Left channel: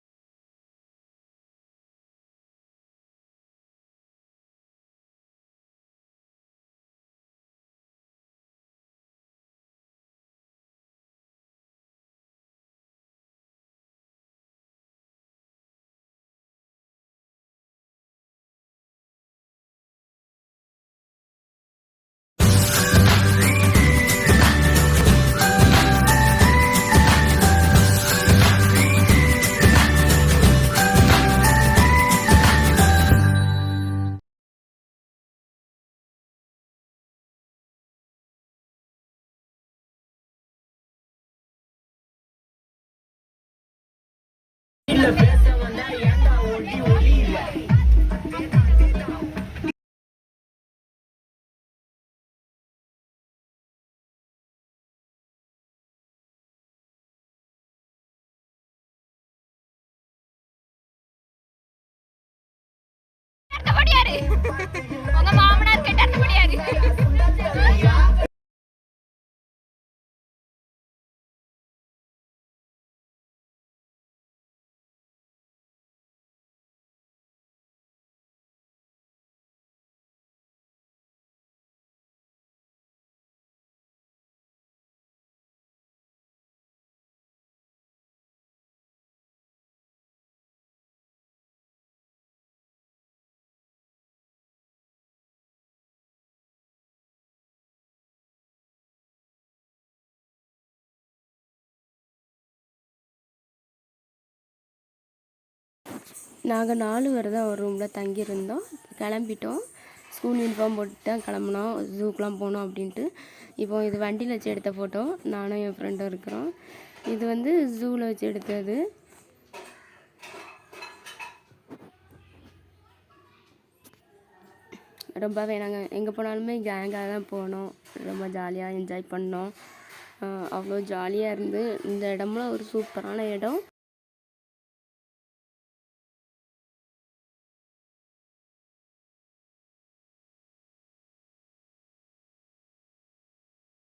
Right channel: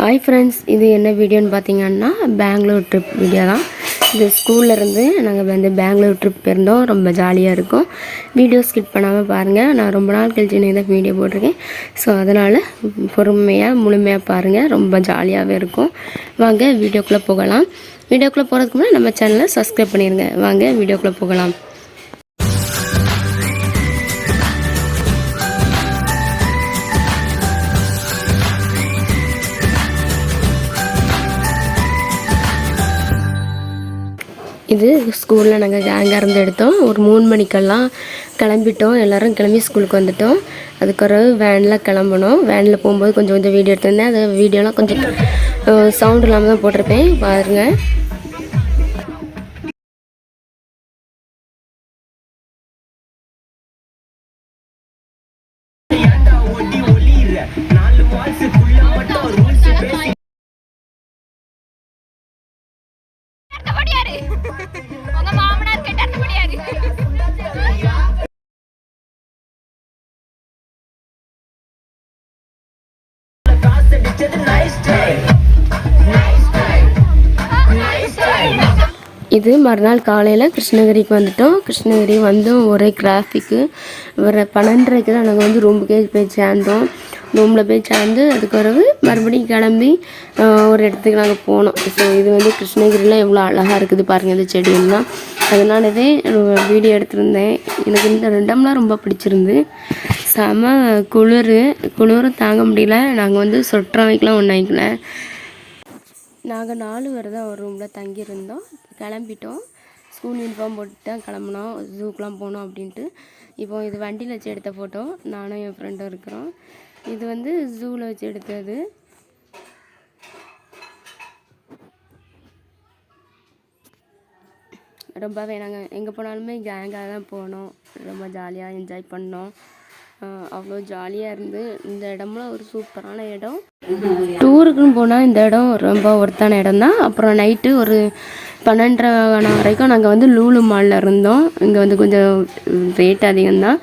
Hi friends, இது என்ன வீடியோன்னு பார்த்தீங்கன்னா பெங்களூர் ட்ரிப் வீடியோ தான். இது ஸ்கூல்லேருந்து நாங்கள் வந்து பெங்களூர் ட்ரிப் போயிருந்தோம். ரொம்ப ஜாலியாக இருக்கும். வீடியோ ஸ்கிப் பண்ணாமல் பாருங்கள். நான் ரொம்ப நாள் கழிச்சு தான் வீடியோ போட்டிருக்கேன். ஸோ அதனால் பொறுமையாக முழுமையாக பாருங்கள். ரொம்ப ஜாலியாகவே இருக்கும். வாங்க வீடியோக்குள்ளே போகலாம். வீடியோக்குள்ளே போகிறதுக்கு முன்னாடி நம்ம சேனலை சப்ஸ்கிரைப் பண்ணிடுங்க. வாங்க வீடியோக்குள்ளே போகலாம். இது ஸ்கூலில் நாங்கள் கேங்காக இருந்து எடுத்தோம். ஒரு 3 மணிக்கெல்லாம் கிளம்பிட்டோம். எல்லோரும் கிளம்பி ஸ்கூலுக்கு வந்துவிட்டோம். அதுக்கு ஒரு வேனில் கிளம்பணும். வேனில் போகும்போது கொஞ்சம் வீடியோ எடுத்திருந்தேன். அது வீடியோலாம் கொஞ்சம் சவுண்ட் இல்லாமல் தான் போட்டிருப்பேன். பாருங்கள். உங்க மாமனார் கிட்ட முடியாது. இது மறுநாள் காலையில் கிருஷ்ணகிரிக்கு வந்துவிட்டோம். கிருஷ்ணகிரி வந்து ஒரே டிராஃபிக்கு. ஒரு 12:30 தான் நாங்கள் வந்து ரூமுக்கே போய் சேர்ந்தோம். ரூமில் போய் சேர்ந்து அதுக்கு பிறகு மறுபடியும் கிளம்பி ஒரு இடத்துக்கு நாங்கள் போனோம். ஸோ இது வந்து கிருஷ்ணகிரியில் எவ்வளோ அழகாக இருக்குது பாருங்கள், இந்த செடியெல்லாம். அதனாலவே வீடியோ எடுத்திருந்தேன். எனக்கு இந்த 2 மணி நேரம் ரொம்ப பிடிச்சிருந்து. செம குளிர் தாங்க முடியல. நாங்கள் வந்து சொட்டர் வைக்கலாம் ஒன்று வைக்கல. நாங்கள் 4 பேர் தான் ஒரு ரூமில் தங்கியிருந்தோம். கிளம்பிட்டோம். ஸ்கூல் யூனிஃபார்ம் போட்டு தான் கிளம்புனோம். ஜூக்கெலாம் போனோம் அப்படின்ட்டு. இப்போது இது வண்டியில் வச்சு எடுத்த ஃபோட்டோ. நானும் என் ஃப்ரெண்டும் இருக்கிறோம். இது வந்து ஜூவில் வச்சு எடுத்தது. ரொம்பவே நாங்கள் எங்கே போனாலுமே கேங்காக தான் போனோம். ரொம்ப ஜாலியாக என்ஜாய் பண்ணோம். அவ்வளோ ஜாலியாக இருந்து. இந்த இடம்லாம் ஒரு சூப்பரான இடம். டூருக்குன்னு போனால் இந்த இடம் ரொம்ப ஒர்த்தான இடம் தான். அப்புறம் நைட்டு ஒரு 12:30 வரைக்கும் நாங்கள் வந்து லூலு மாலில் இருந்தோம். இங்கே வந்து கொஞ்சம் ரேட் அதிகம்தான்.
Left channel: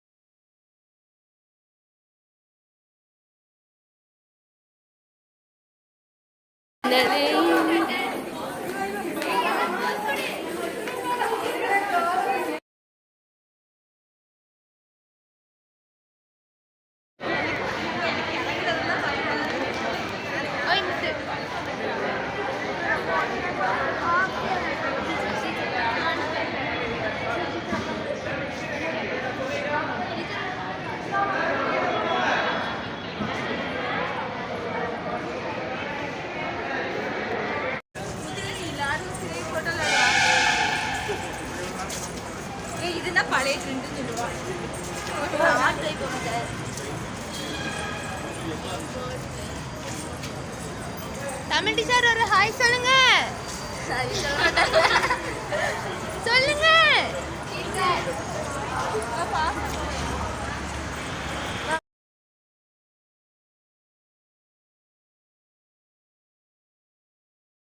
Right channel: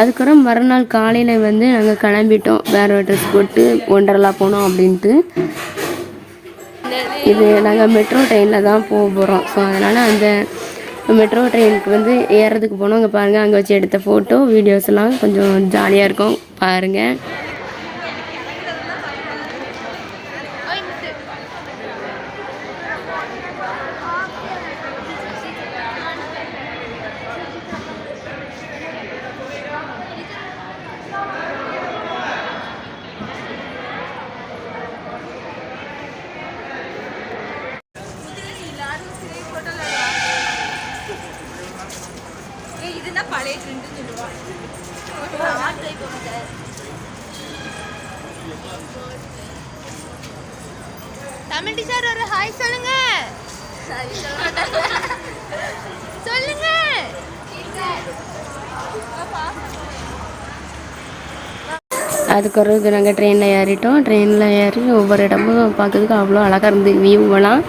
அதுக்கப்புறம் மறுநாள் காலையில் வந்து நாங்கள் கிளம்பிட்டோம். வேறு ட்ரெஸ் போட்டு ஒண்டர்லா போனோம் அப்படின்ட்டு. இது நாங்கள் மெட்ரோ ட்ரெயினில் தான் போக போகிறோம். ஸோ அதனால் அந்த மெட்ரோ ட்ரெயினுக்கு வந்து ஏறதுக்கு போனோம். அங்கே பாருங்கள், அங்கே வச்சு எடுத்த ஃபோட்டோ வீடியோஸ்லாம் கொஞ்சம் ஜாலியாக இருக்கும் பாருங்கள். இதுனா பழைய ட்ரெண்ட் சொல்லுவாங்க. தமிழ் டீச்சர் ஒரு ஹாய் சொல்லுங்க. சொல்லுங்க. அதுக்கப்புறம் நாங்கள் ட்ரெயினில் ஏறிட்டோம். ட்ரெயினில் ஏறி ஒவ்வொரு இடமும் பார்க்கறதுக்கு அவ்வளோ அழகாக இருந்து வியூவெல்லாம்.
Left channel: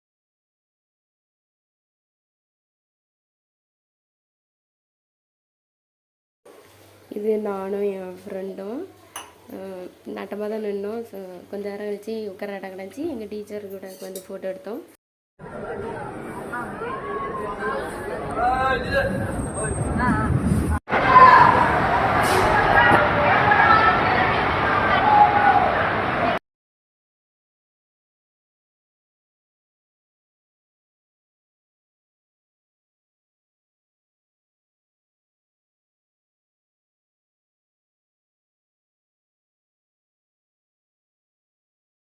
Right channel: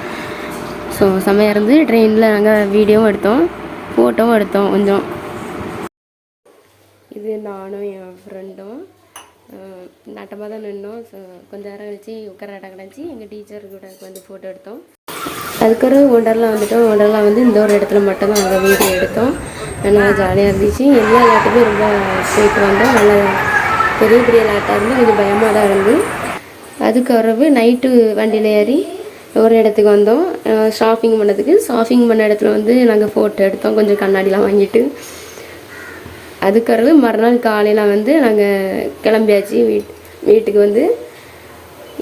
ஸோ செம்மையாக இருந்து. ட்ரெயினில் நாங்கள் வீடியோவும் எடுத்தோம், ஃபோட்டோவும் எடுத்தோம் கொஞ்சம். இது நானும் என் ஃப்ரெண்டும் நாட்டமாக தான் நின்னோம். ஸோ கொஞ்சம் நேரம் கழிச்சு உட்கார இடம் கிடச்சி எங்கள் டீச்சர் கூட வந்து ஃபோட்டோ எடுத்தோம். அதுக்கப்புறம் ஒண்டர்லா வந்துட்டோம். ஒண்டர்லா வந்து இந்த ஒரு இடத்துல மட்டும்தான் நாங்கள் வீடியோ எடுத்தோம். நல்லா ஜாலியாக இருந்துச்சு. எல்லா விளையாட்டுமே ரொம்ப போயிட்டு வந்தோம். நல்லா பெரிய பெரிய விளையாட்டாக இருந்து கொஞ்சம் பயமாக தான் இருந்து. அதுக்கப்புறம் நைட்டு வண்டியில் ஏறி ஒரு இடத்துக்கு வந்தோம் ஷாப்பிங் பண்ணதுக்கு. ஷாப்பிங் பண்ண இடத்துல வந்து நாங்கள் ஃபோட்டோ எடுத்தோம் கொஞ்சம் கண்ணாடிலாம் வாங்கிட்டு. அதுக்கப்புறம் மறுநாள் காலையில் வந்து நாங்கள் கிளம்பியாச்சு வீட்டுக்கு வந்து.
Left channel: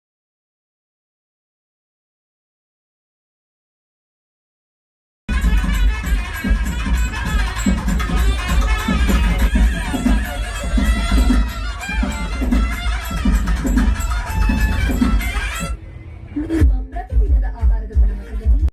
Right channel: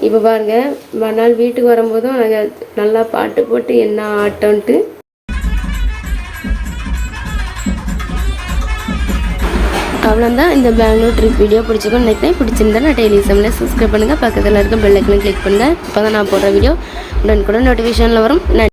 இப்போ பாருங்கள், மறுநாள் வீட்டுக்கு வரும்போதும் நாங்கள் நல்லா பாட்டு போட்டு என்ன ஆட்டோன்ட்டு. அவ்வளோதான் இந்த பெங்களூர் ட்ரிப் வீடியோ பிடிச்சிருக்கோம் நினைக்கிறேன். பிடிச்சிருந்தா நான் டெய்லி சமையல் சப்ஸ்கிரைப் பண்ணுங்கள். பக்கத்தில் இருக்க பெல் ஐக்கனை கிளிக் பண்ணுங்கள். இப்போ தான் நான் போடுற வீடியோ உடனுக்குடன் நோட்டிஃபிகேஷனில் வரும்.